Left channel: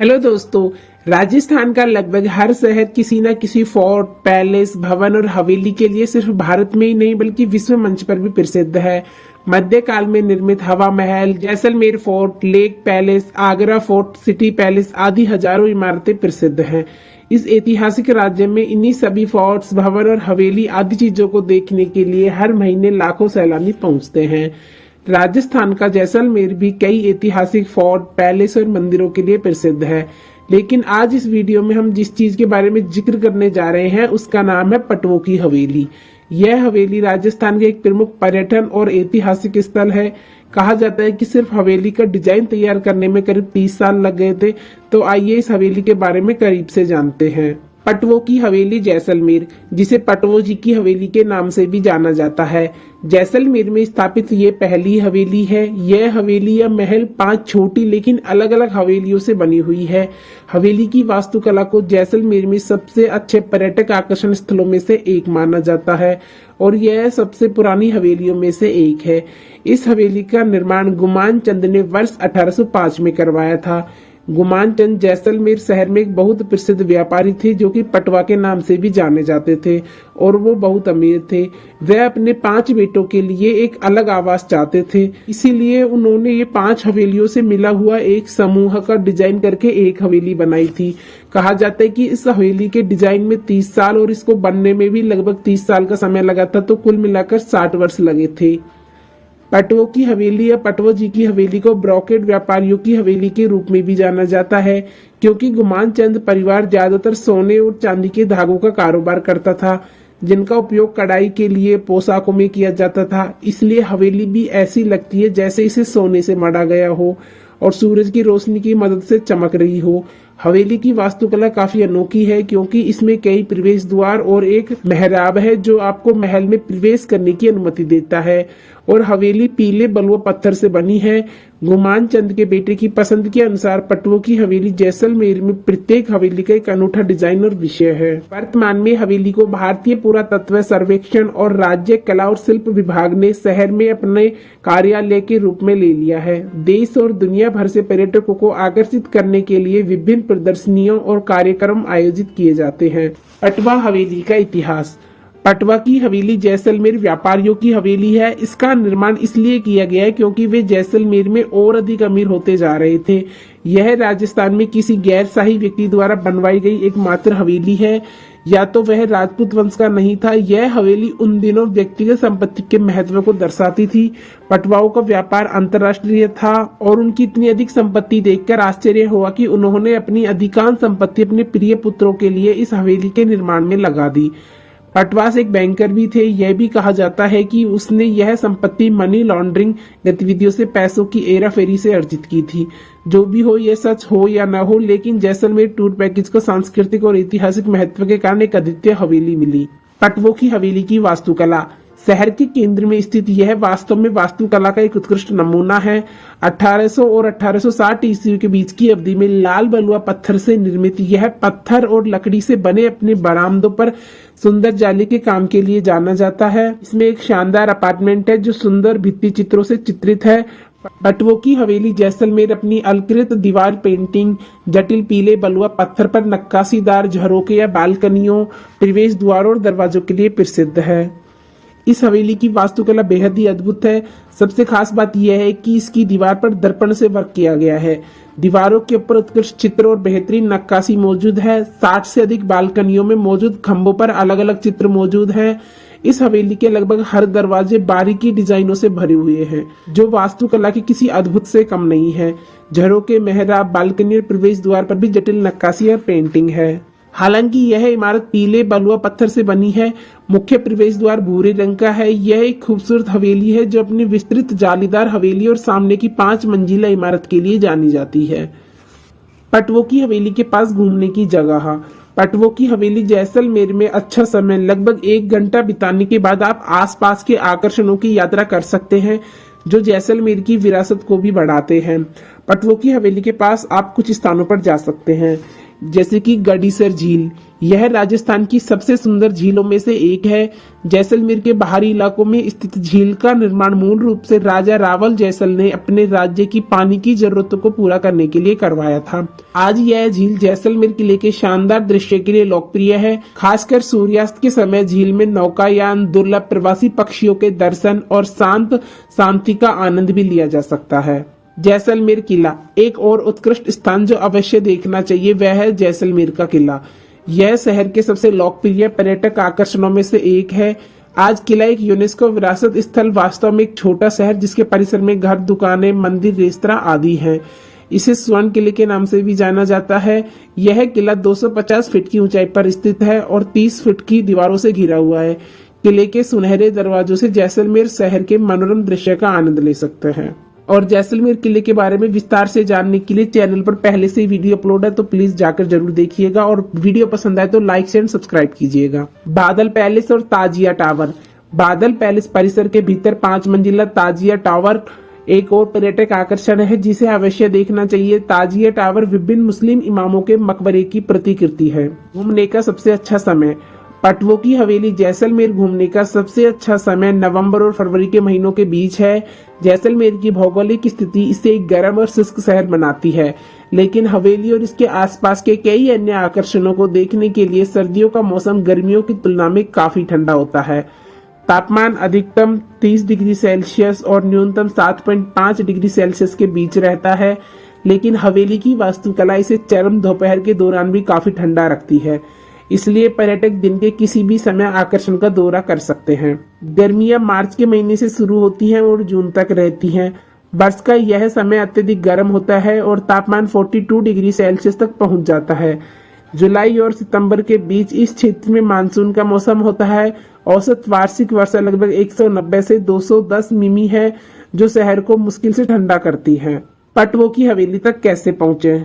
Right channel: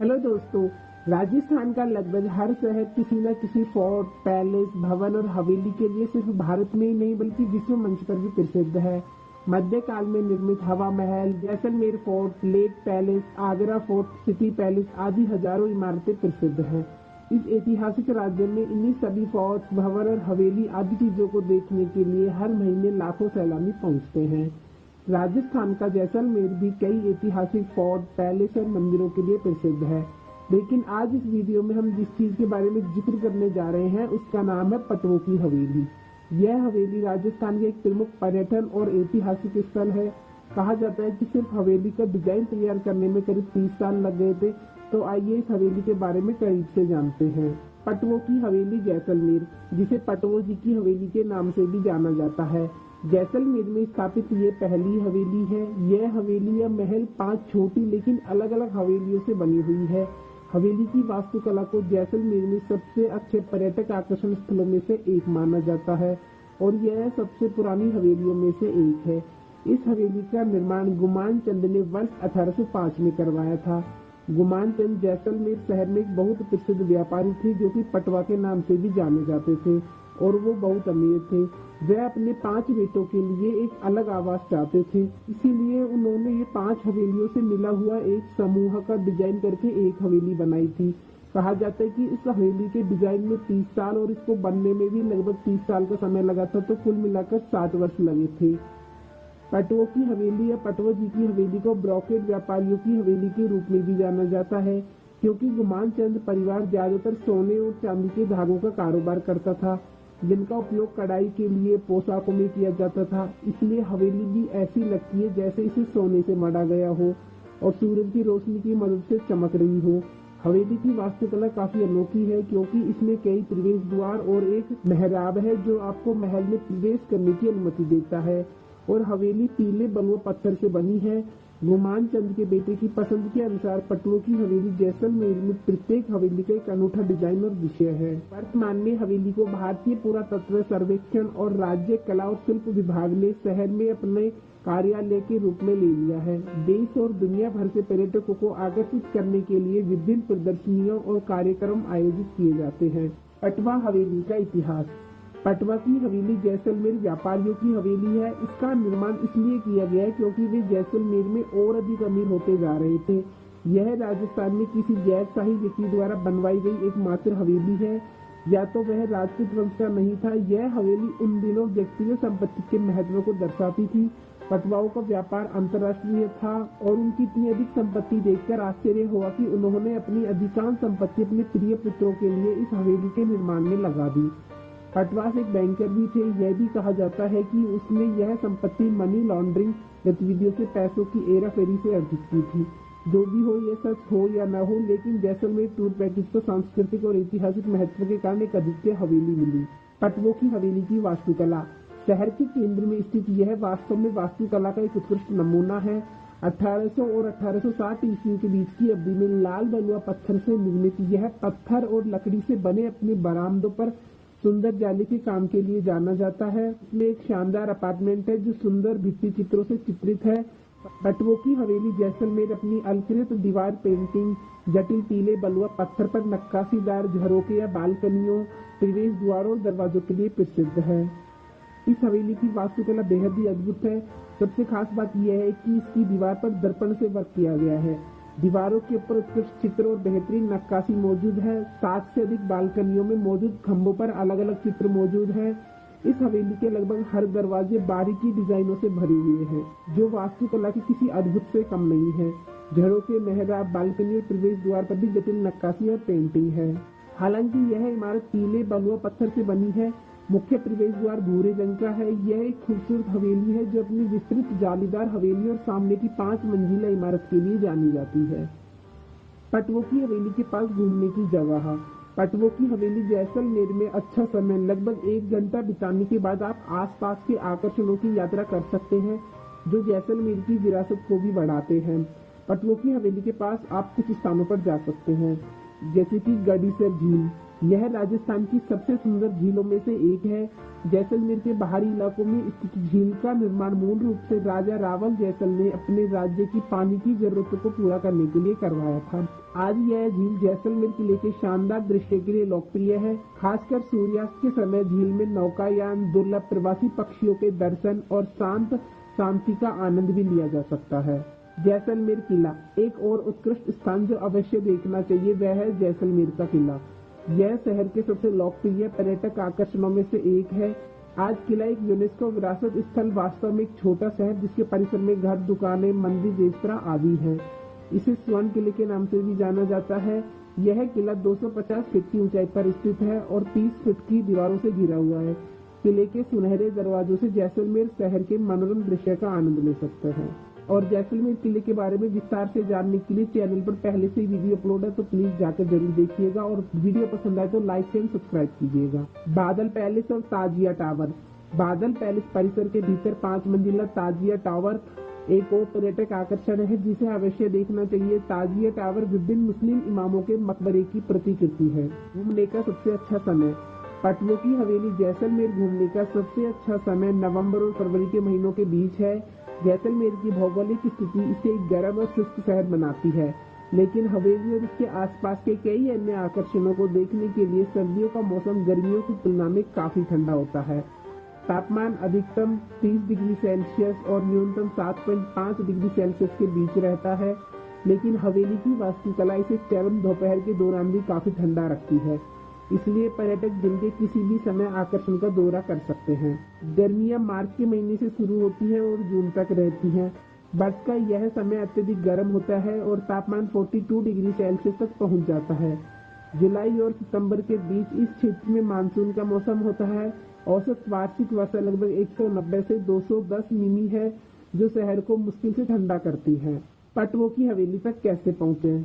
Hello दोस्तों। राजस्थान का लगभग हर शहर किसी न किसी फोर्ट, पैलेस, भवन और हवेली के लिए सिर्फ भारत में ही नहीं बल्कि विश्व मंच पर भी प्रसिद्ध है। मध्यकाल में निर्मित हवा महल, Jaisalmer fort, lake palace, Agra fort, city palace आदि हजारों इमारतें प्रसिद्ध हैं। इस ऐतिहासिक राज्य में इन्हीं सभी फोर्ट्स, भवन और हवेली आदि चीजों को देखने के लिए हर महीने लाखों सैलानी पहुंचते हैं। राजस्थान का जैसलमेर भी कई ऐतिहासिक फोर्ट, पैलेस और मंदिरों के लिए प्रसिद्ध है। लेकिन आज इस वीडियो में हम जिस चीज के बारे में जिक्र करने जा रहे हैं उसका नाम है पटवों की हवेली। यह हवेली राजस्थान के एक प्रमुख पर्यटन और ऐतिहासिक स्थल है। कहा जाता है कि सिर्फ हवेली का डिजाइन तैयार करने में करीब 30 साल लग गए थे। तो आइए इस हवेली के बारे में करीब से जानते हैं। पटवों की हवेली जैसलमेर, जिसे पटवो जी की हवेली के नाम से भी जाना जाता है, जैसलमेर में स्थापित ये पहली हवेली है। यह हवेली या महल 5 छोटी लेकिन अलग अलग हवेलियों से बनी हुई है। हवेली की वास्तुकला को जैसलमेर में सबसे अच्छे पर्यटक आकर्षण स्थलों में से एक माना जाता है और यह सबसे पुरानी हवेलियों में से एक है। इस हवेली का निर्माण गुमान चंद ने वर्ष 1805 में करवाया था। गुमान चंद जैसलमेर शहर में एक बहुत प्रसिद्ध व्यापारी थे जो कि पटवा के नाम से भी जाने जाते थे और वो बहुत अमीर थे। वह अपने 5 बेटों के लिए एक अलग आवास चाहते थे, इसीलिए उन्होंने ये 5 हवेलियों से मिला हुआ एक समूह का डिजाइन करके एक हवेली बनाई थी। कहा जाता है कि इस हवेली के डिजाइन में 30 साल और इसको बनने में भी लगभग 30 साल का समय लगा था, तो कुल मिलाकर 60 वर्ष लगे थे। पटवों की हवेली या पटवो जी की हवेली को ब्रोकेड व्यापारियों की हवेली के रूप में भी जाना जाता है, क्योंकि गुमान चंद परिवार ज्यादातर सोने और चांदी के धागों का कारोबार करता था, जिनका उपयोग कढ़ाई के लिए पोशाकों में किया जाता था। इसलिए हवेली भी ऐसी लगती है जैसे इसे सोने से मढ़ा गया हो और सूरज की रोशनी की मदद से चमक रही हो। हवेली की वास्तुकला काफी अनोखी है क्योंकि इसमें कई प्रवेश द्वार और एक मेहराब है जो आपको महल में प्रवेश करने की अनुमति देता है। और हवेली पीले बलुआ पत्थर से बनी है। गुमान चंद के बेटे की पसंद के अनुसार पटवों की हवेली जैसलमेर में प्रत्येक हवेली का एक अनूठा डिजाइन और विषय है। वर्तमान में हवेली को भारतीय पुरातत्व सर्वेक्षण और राज्य कला और शिल्प विभाग ने शहर में अपने कार्यालय के रूप में ले लिया है। देश और दुनिया भर से पर्यटकों को आकर्षित करने के लिए विभिन्न प्रदर्शनियों और कार्यक्रम आयोजित किए जाते हैं। पटवा हवेली का इतिहास। पटवा की हवेली जैसलमेर व्यापारियों की हवेली है। इसका निर्माण इसलिए किया गया है क्योंकि वे जैसलमेर में और अधिक अमीर होते जा रहे थे। यह राजस्थान में किसी गैर शाही व्यक्ति द्वारा बनवाई गई एकमात्र हवेली है, या तो वह राजपूत वंश का नहीं था। यह हवेली उन दिनों व्यक्तिगत संपत्ति के महत्व को दर्शाती थी। पटवाओं का व्यापार अंतर्राष्ट्रीय था और उनकी इतनी अधिक संपत्ति देखकर आश्चर्य हुआ कि उन्होंने अपनी अधिकांश संपत्ति अपने प्रिय पुत्रों के लिए इस हवेली के निर्माण में लगा दी। पटवास एक बैंकर भी थे। यह भी कहा जाता है कि उसने यह संपत्ति मनी लॉन्ड्रिंग गतिविधियों से पैसों की हेराफेरी से अर्जित की थी। जो भी हो, यह सच हो या न हो, लेकिन जैसलमेर टूर पैकेज को सांस्कृतिक और ऐतिहासिक महत्व के कारण एक अद्वितीय हवेली मिली। पटवों की हवेली की वास्तुकला। शहर के केंद्र में स्थित यह वास्तव में वास्तुकला का एक उत्कृष्ट नमूना है। 1800 और 1860 ईस्वी के बीच की अवधि में लाल बलुआ पत्थर से निर्मित यह पत्थर और लकड़ी से बने अपने बरामदों पर सुंदर जाली के काम के लिए जाना जाता है। इसमें एक शानदार अपार्टमेंट है जो सुंदर भित्ति चित्रों से चित्रित है। पटवों की हवेली जैसलमेर अपनी अलंकृत दीवार पेंटिंग, जटिल पीले बलुआ पत्थर पर नक्काशीदार झरोके या बालकनियों, प्रवेश द्वारों और दरवाजों के लिए प्रसिद्ध है। इस हवेली की वास्तुकला बेहद ही अद्भुत है। सबसे खास बात यह है कि इसकी दीवार पर दर्पण से वर्क किया गया है। दीवारों के ऊपर उत्कृष्ट चित्र और बेहतरीन नक्काशी मौजूद है। 60 से अधिक बालकनियों में मौजूद खंभों पर अलग अलग चित्र मौजूद हैं। इस हवेली के लगभग हर दरवाजे बारीकी डिजाइनों से भरे हुए हैं जो वास्तुकला के किसी अद्भुत से कम नहीं है। झरोके, मेहराब, बालकनी और प्रवेश द्वार पर भी जटिल नक्काशी और पेंटिंग है। हालांकि यह इमारत पीले बलुआ पत्थर से बनी है। मुख्य प्रवेश द्वार भूरे रंग का है। यह एक खूबसूरत हवेली है जो अपनी विस्तृत जालीदार हवेली और सामने की 5 मंजिला इमारत के लिए जानी जाती है। पटवों की हवेली के पास घूमने की जगह। पटवों की हवेली जैसलमेर में अच्छा समय लगभग 1 घंटा बिताने के बाद आप आसपास के आकर्षणों की यात्रा कर सकते हैं जो जैसलमेर की विरासत को भी बढ़ाते हैं। पटवों की हवेली के पास आप कुछ स्थानों पर जा सकते हैं। जैसे कि गडीसर झील। यह राजस्थान की सबसे सुंदर झीलों में से एक है। जैसलमेर के बाहरी इलाकों में स्थित झील का निर्माण मूल रूप से राजा रावल जैसल ने अपने राज्य की पानी की जरूरतों को पूरा करने के लिए करवाया था। आज यह झील जैसलमेर किले के शानदार दृश्य के लिए लोकप्रिय है। खासकर सूर्यास्त के समय झील में नौकायान, दुर्लभ प्रवासी पक्षियों के दर्शन और शांति का आनंद भी लिया जा सकता है। जैसलमेर किला, एक और उत्कृष्ट स्थान जो अवश्य देखना चाहिए वह है जैसलमेर का किला। यह शहर के सबसे लोकप्रिय पर्यटक आकर्षणों में से एक है। आज किला एक यूनेस्को विरासत स्थल वास्तव में एक छोटा शहर जिसके परिसर में घर, दुकानें, मंदिर, रेस्तरां आदि हैं। इसे स्वर्ण किले के नाम से भी जाना जाता है। यह किला 250 फीट की ऊंचाई पर स्थित है और 30 फीट की दीवारों से घिरा हुआ है। किले के सुनहरे दरवाजों से जैसलमेर शहर के मनोरम दृश्य का आनंद ले सकते हैं। और जैसलमेर किले के बारे में विस्तार से जानने के लिए चैनल पर पहले से वीडियो अपलोड है, तो प्लीज जाकर जरूर देखिएगा और वीडियो पसंद आए तो लाइक शेयर सब्सक्राइब कीजिएगा। बादल पैलेस और ताजिया टावर। बादल पैलेस परिसर के भीतर 5 मंजिला ताजिया टावर एक और पर्यटक आकर्षण है जिसे अवश्य देखना चाहिए। ताजिया टावर विभिन्न मुस्लिम इमामों के मकबरे की प्रतिकृति है। घूमने का सबसे अच्छा समय। पटवों की हवेली जैसलमेर घूमने का सबसे अच्छा समय नवंबर और फरवरी के महीनों के बीच है। जैसलमेर की भौगोलिक स्थिति इसे एक गर्म और शुष्क शहर बनाती है, लेकिन हवेली और इसके आसपास के कई अन्य आकर्षणों को देखने के लिए सर्दियों का मौसम गर्मियों की तुलना में काफी ठंडा होता है। तापमान अधिकतम 30 डिग्री सेल्सियस और न्यूनतम 7.5 डिग्री सेल्सियस के बीच रहता है, लेकिन हवेली की वास्तुकला इसे चरम दोपहर के दौरान भी काफी ठंडा रखती है, इसलिए पर्यटक दिन के किसी भी समय आकर्षण का दौरा कर सकते हैं। गर्मियां मार्च के महीने से शुरू होती हैं और जून तक रहती हैं। वर्ष का यह समय अत्यधिक गर्म होता है और तापमान 42 डिग्री सेल्सियस तक पहुंच जाता है। जुलाई और सितंबर के बीच इस क्षेत्र में मानसून का मौसम होता है। औसत वार्षिक वर्षा लगभग 190 से 210 मिमी है, जो शहर को मुश्किल से ठंडा करती है। पटवों की हवेली तक कैसे पहुंचे?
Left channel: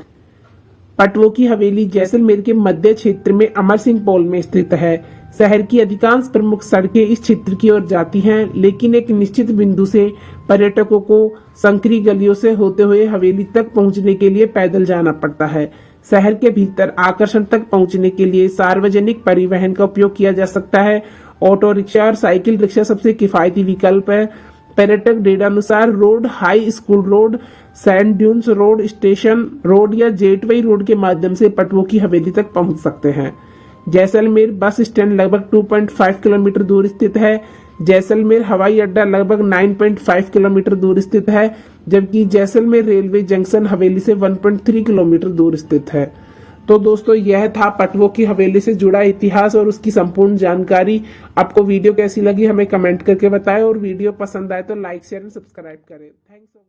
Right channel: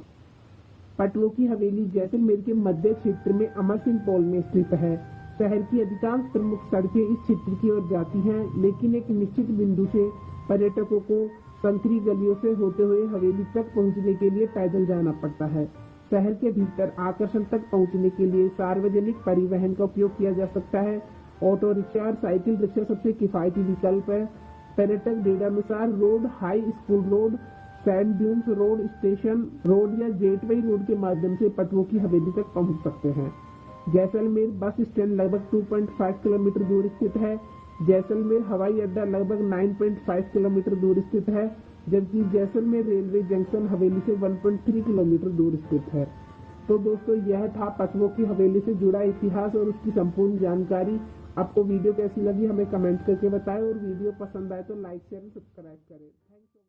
पटवों की हवेली जैसलमेर के मध्य क्षेत्र में अमर सिंह पॉल में स्थित है। शहर की अधिकांश प्रमुख सड़कें इस क्षेत्र की ओर जाती हैं, लेकिन एक निश्चित बिंदु से पर्यटकों को संकरी गलियों से होते हुए हवेली तक पहुंचने के लिए पैदल जाना पड़ता है। शहर के भीतर आकर्षण तक पहुंचने के लिए सार्वजनिक परिवहन का उपयोग किया जा सकता है। ऑटो रिक्शा और साइकिल रिक्शा सबसे किफायती विकल्प है। पर्यटक डेटानुसार road, high school road, sand dunes road, station road या जेटवे रोड के माध्यम से पटवों की हवेली तक पहुंच सकते हैं। जैसलमेर बस स्टैंड लगभग 2.5 किलोमीटर दूर स्थित है। जैसलमेर हवाई अड्डा लगभग 9.5 किलोमीटर दूर स्थित है, जबकि जैसलमेर रेलवे जंक्शन हवेली से 1.3 किलोमीटर दूर स्थित है। तो दोस्तों, यह था पटवों की हवेली से जुड़ा इतिहास और उसकी संपूर्ण जानकारी। आपको वीडियो कैसी लगी हमें कमेंट करके बताएं और वीडियो पसंद आए तो लाइक शेयर एंड सब्सक्राइब करें। थैंक्स।